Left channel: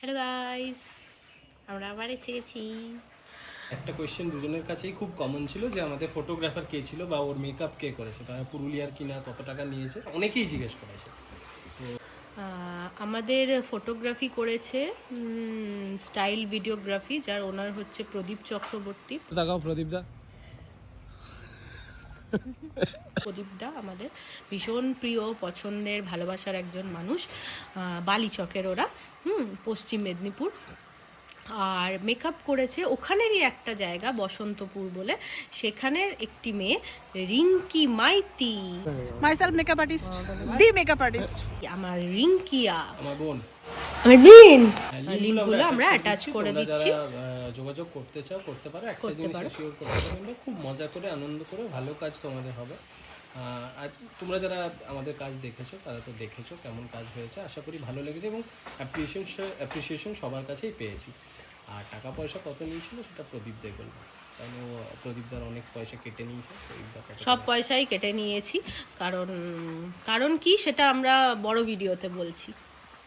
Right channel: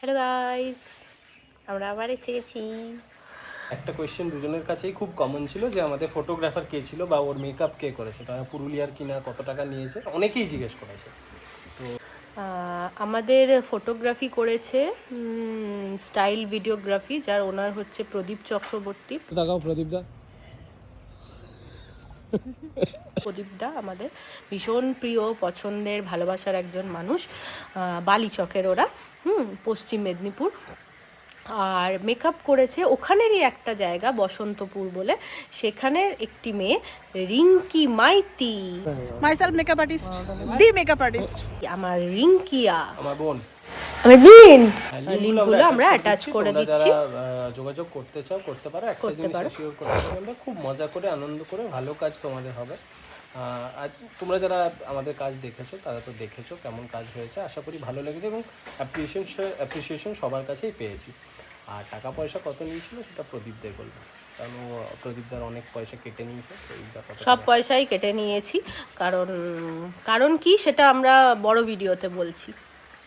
Hello guys, আমরা আবার এসে গেছি। একটা কোয়েশ্চেন দুজনের কাছেই খুব কমন ছিল যে আমাদের ফটোগ্রাফার কে ছিল বা ওর মেকআপ কে করেছে, তারা পুরুলিয়ার কিনা, কত টাকা নিয়েছে, অনেকেই জিজ্ঞেস করেছে। আমাদের ফটোগ্রাফি করেছে স্টাইল ভিডিওগ্রাফি, যার ওনার হচ্ছে প্রদীপ চক্রবর্তী। দেখাও প্রদীপদা। প্রদীপদা আমাদের ভীষণ প্রিয়, পছন্দের, ভালোবাসার একজন মানুষ। বালিচকের ওরা, পশ্চিম মেদিনীপুর। আর মেকআপ করেছে ওখানেরই একটা জায়গা বসন্তপুর বলে, সেখানের একটি মেয়ে Rinki Maiti. Myself makeup artist, the makeup artist. আমার রিঙ্কিয়া, আমার বোন। আমার দিন লিঙ্কগুলো আমরা অ্যাটাচ করে দিচ্ছি। যোগাযোগ করতে চাও করতে পারো। একটা জিনিস শিওর করতে পারো, আমরা খুব মজা করে, আনন্দ করে, ভালো কাজ তোমাদের হবে। আর তোমরা যারা আমাদের কাজ দেখেছো তারা তো দেখেছো কেমন কাজ হয়েছে, আশা করি ভালো লেগেছে এবং অ্যাপ্রিসিয়েশন সবার কাছেই পেয়েছি। আর টাকা পয়সা কত নিয়েছিল সেটা প্রদীপদের বলবো, কারণ প্রদীপদার অনেক পয়সা কেটে নিয়েছে, এই ব্যাপারটা সব পয়সাই কেটে নিয়েছি, কারণ কি সেটা আমরা বড় ভিডিওতে বলছি।